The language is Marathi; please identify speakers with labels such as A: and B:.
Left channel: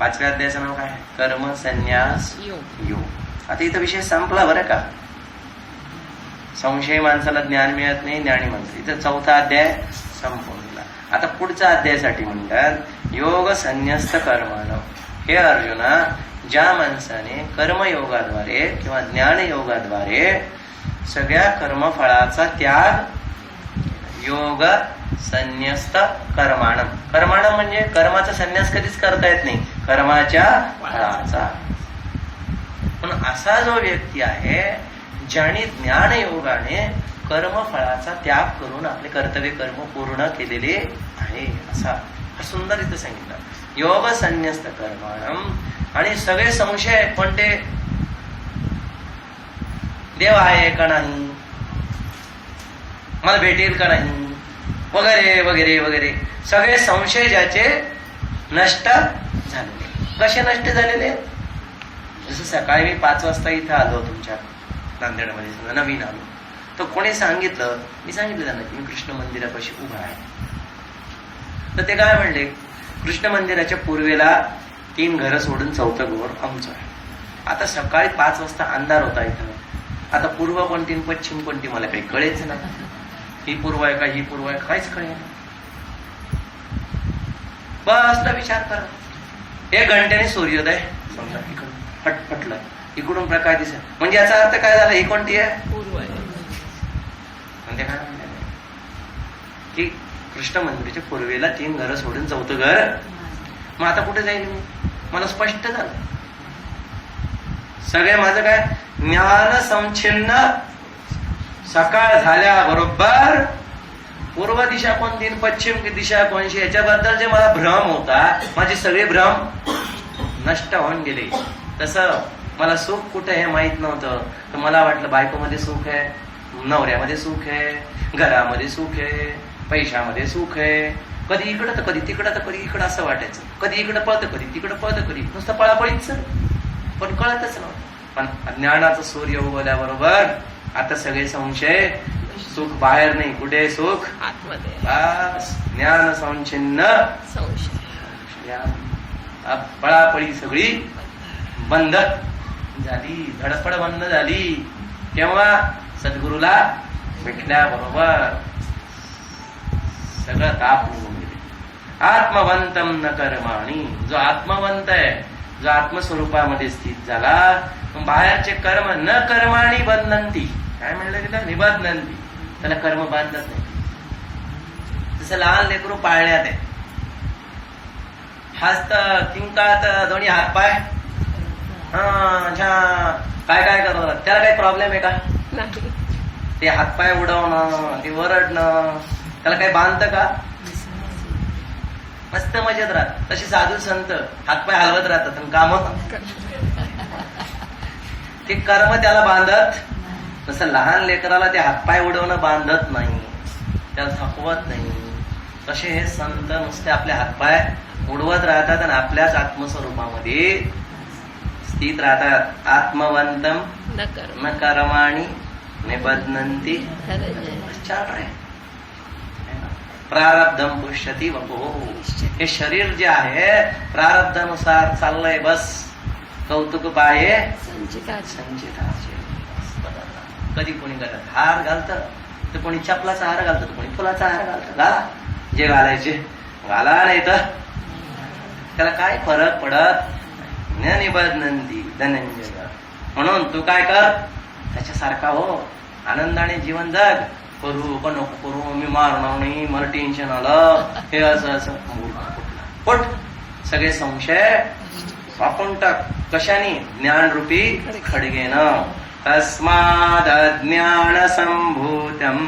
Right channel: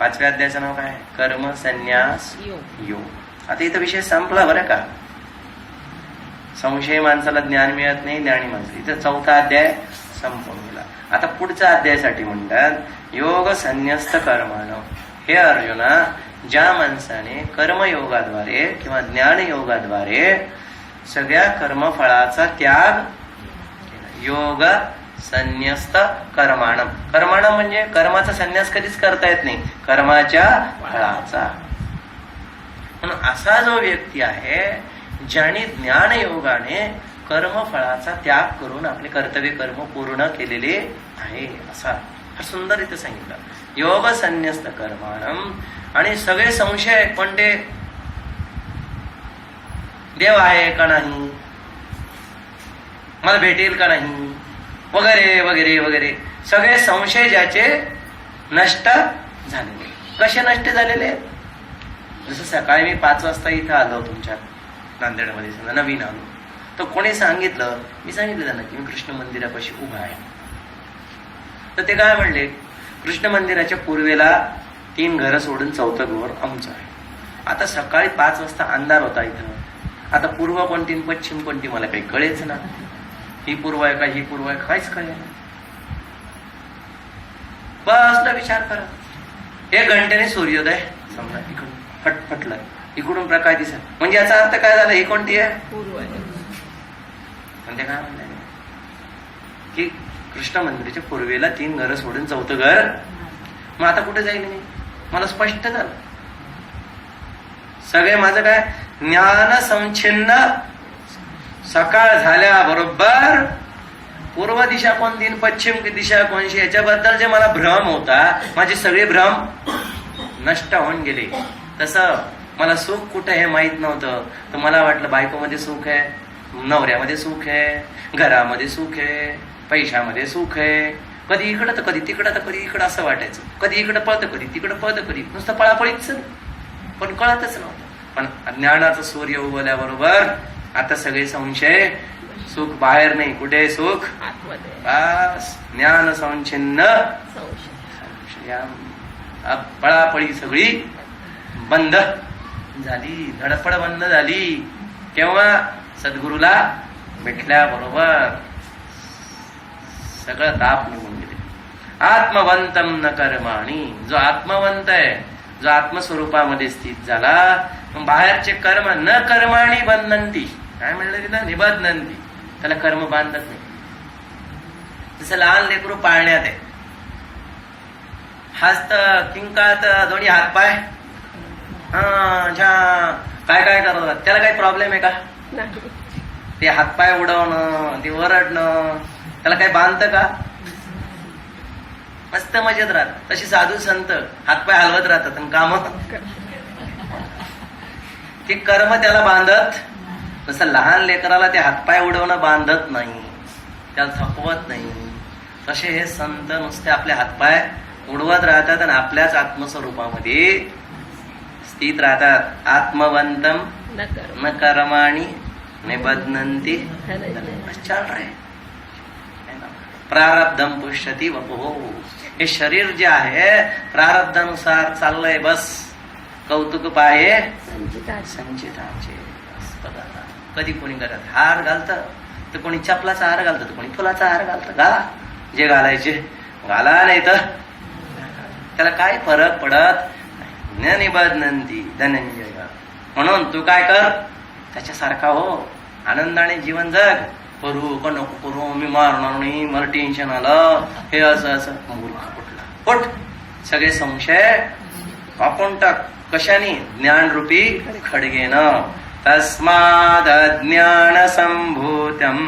A: पाचव्या अध्यायाचं नाव काय? कर्म संन्यास
B: योग
A: योग आता इथं विषय संपला बरं का? संशय माणसाला ज्ञान मिळत नाही ज्ञानी माणसं. इथं चौथा अध्याय संपून गेला. आता पुढच्या अध्यायासाठी म्हणतात योग संन्यस्त कर्माण. हे अर्जुना ज्या माणसाने कर्मयोगाद्वारे किंवा ज्ञान योगाद्वारे सगळ्या कर्मफळाचा त्याग योग संन्यस्त कर्माणम कर्माणम म्हणजे कर्माचा संन्यास कधीच करता येत नाही. कर्माच्या फळाचा. म्हणून असा जो व्यक्ती आहे ज्याने ज्ञान योगाने कर्मफळाचा त्याग करून आपले कर्तव्य कर्म पूर्ण केलेले आहे असा हा सुंदर इथे सांगितलं. योग संन्यस्त कर्माणम आणि सगळे संशय आहेत, पण ते देव आहे का नाही? मला भेटेल का नाही? वगैरे वगैरे वगैरे. सगळे संशय ज्याचे नष्ट झालेले. कसे नष्ट झालेले? जसं सकाळी मी पाच वाजता इथं आलो तुमच्या नांदेडमध्ये समजा नवीन आलो. तर कोणी सांगितलं मी सांगितलं त्यांना की मी कृष्ण मंदिरापाशी उभा आहे. तर ते काय म्हणले? कृष्ण मंदिराच्या पूर्वेला तीन घरं सोडून चौथं घर आमचं आहे. आता सकाळी पाच वाजता अंधार होता इथं. आता पूर्व कोणती पश्चिम कोणती मला काही कळेच ना. ही पूर्व आहे का ही पूर्व आहे काहीच कळे बसला विचार करा. एक घंट्याने सूर्योदय समजा इकडून फटफटलाय. इकडून प्रकाश दिसत. म्हणजे याचा अर्थ काय झाला? ही कोणती आहे?
B: पूर्व आहे
A: म्हणजे काय म्हणताय? की कृष्ण मंदिराच्या पूर्वेला तीन घरं सोडून चौथं घर. मग आता कुठे जाईल मी? मला स्पष्ट झालं. सगळे माझं काय? ज्ञान संचिन्न सकाळ झाल्याबरोबर पूर्व दिशा कोणती पश्चिम दिशा कोणशी? याच्याबद्दल जे मला भ्रम होता माझे सगळे भ्रम नष्ट होऊन गेले. तसं मला सुख कुठे हे माहीत नव्हतं. तर मला वाटलं बायकोमध्ये सुख आहे नवऱ्यामध्ये सुख आहे घरामध्ये सुख आहे पैशामध्ये सुख आहे. कधी इकडं तर कधी तिकडं तर कधी इकडं असं वाटायचं. कधी इकडं पळतं कधी तिकडं पळतं कधी नुसतं पळापळीच. पण कळतच नव्हतं. पण ज्ञानाचं सूर्य उगवल्याबरोबर आता सगळे संशय सुख बाहेर नाही कुठे सुख?
B: आतमध्ये.
A: बस ज्ञान संचिन्न अब पळापळी सगळी बंद झाली धडपड बंद झाली. केव्हा? सद्गुरूला भेटल्याबरोबर. सगळं ताप निघून गेले. आत्मवंतम न कर्माणी. जो आत्मवंत आहे जो आत्मस्वरूपामध्ये स्थित झाला बाहेरचे कर्म न कर्माणी बंधनती काय म्हणलं तिला? निबंधनती त्याला कर्म बांधत नाही. जसं लहान लेकरू पाळण्यात आहे. हस्त किंकात दोन्ही हातपाय हा छा काय काय करतात त्याला काही प्रॉब्लेम आहे का?
B: नाही.
A: ते हातपाय उडवणं ते वरडणं त्याला काही बांधतं का? मस्त मजेत राहत तशी साधू संत हातपाय हलवत राहतात आणि काम ते कर्म त्याला बांधत तसं लहान लेकराला ते हातपाय उडवणं बांधत नाही. त्याला थकवत नाही. तसे हे संत नुसते आपले हातपाय उडवत राहतात आणि आपल्याच आत्मस्वरूपामध्ये स्थित राहतात. आत्मवंतम
B: न कर्म.
A: न कर्माणी
B: धनंजय.
A: छान आहे. प्रारब्धम पुष्यती वपो। हे शरीर जे आहे प्रारब्धानुसार चाललंय बस. कौतुक पाहे
B: संचिताचे.
A: कधी कोणी घरात हार घालत तर कोणी चपलाचा हार घालतं तर कोणी फुलाचा हार घालतं. घाला जे घालायचे घाला नाही तर. त्याला काय फरक पडत? न निबधनंती धनंजय म्हणून तू काय कर? त्याच्यासारखा हो. आनंदाने जीवन जग. करू का नको करू मी मारणार नाही मला टेन्शन आलं हे असं असं. मूर्ख कुठला सगळे संशय आपण टाक. कशाने? ज्ञानरूपी खडगेनं. तस्माद ज्ञान संभूतम